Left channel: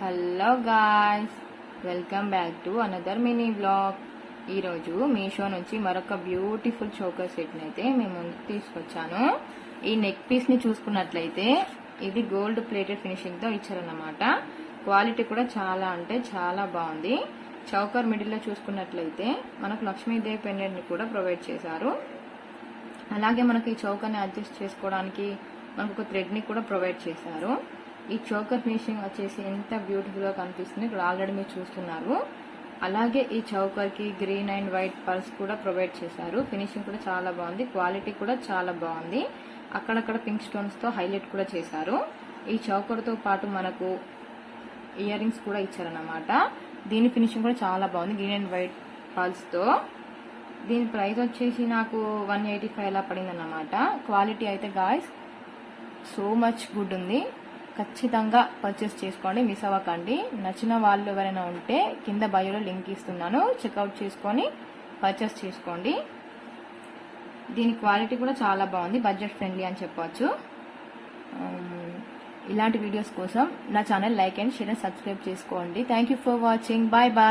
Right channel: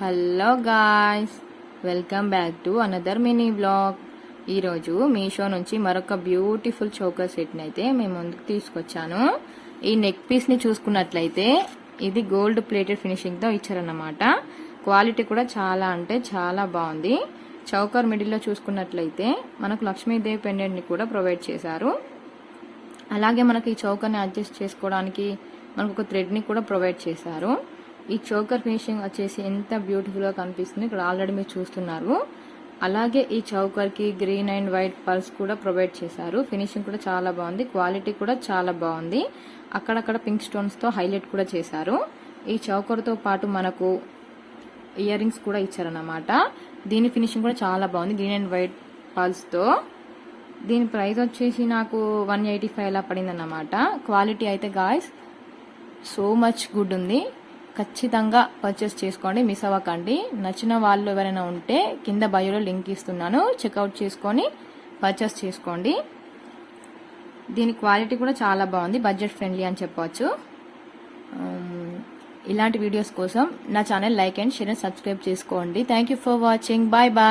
Hello guys, welcome back to another mini blog. ఈరోజు మీషో నుంచి మరొక బ్యూటిఫుల్ చోకర్ సెట్ని అయితే మేము ముందుకు తీసుకొచ్చాను. ఈ నెక్ పీస్ని చూసుకున్నట్లయితే ఇది గోల్డ్ ప్లేటెడ్ ఫినిషింగ్తో ఇచ్చారన్నమాట. క్వాలిటీ కూడా చాలా అంటే చాలా బాగుంది. చౌకర్ మిడిల్లో చూసుకున్నట్లయితే మనకు లక్ష్మీదేవి పెండెంట్ని కూడా ప్రొవైడ్ చేశారు. అలాగే మనకి ఈ చౌకర్ని అడ్జస్ట్ చేసుకోవడానికి మనకు ఒక థ్రెడ్ని కూడా ప్రొవైడ్ చేశారు. ఈ చోకర్ ఫినిషింగ్ వచ్చేసి ఎంత బ్యూటిఫుల్గా కనిపిస్తుంది, ఇక్కడ ఆల్రెడీ మీరు చూస్తున్నారు. అలాగే ఈ చౌకర్కి గ్రీన్ అండ్ వైట్ పర్ల్స్ కూడా ప్రొవైడ్ చేశారు. ఫినిషింగ్ కూడా చాలా బాగుంది, క్వాలిటీ కూడా చాలా బాగుంది. అక్కడక్కడ పింక్ స్టోన్స్తో హైలైట్ కూడా చేశారు. ఈ చౌకర్తో పాటు మనకు ఇయర్ రింగ్స్ కూడా ఇచ్చారన్నమాట. దీని ఫినిషింగ్ కూడా చాలా బాగుంది, గ్రీన్ అండ్ వైట్ పర్ల్స్తో. దీని ప్రైస్ వచ్చేసి నాకు 185 అలా పడింది అన్నమాట. క్వాలిటీ అయితే గాయ్స్ సో మచ్ గుడ్ ఉంది. ఖచ్చితంగా పర్చేస్ చేసుకోండి, మిస్ అవ్వకండి. నచ్చిన వాళ్ళు ఎవరైనా ఉంటే కింద బయోలో లింక్ ఇస్తున్నాను, చెక్అవుట్ చేసుకొని పర్చేస్ చేసుకోండి. దీని క్వాలిటీ కూడా చాలా బాగుంది, బడ్జెట్ ఫ్రెండ్లీ అని చెప్పవచ్చు. ఇలాంటి వీడియోస్ కోసం నా channel like and share and subscribe చేసుకోండి. Thank you for watching. Bye bye.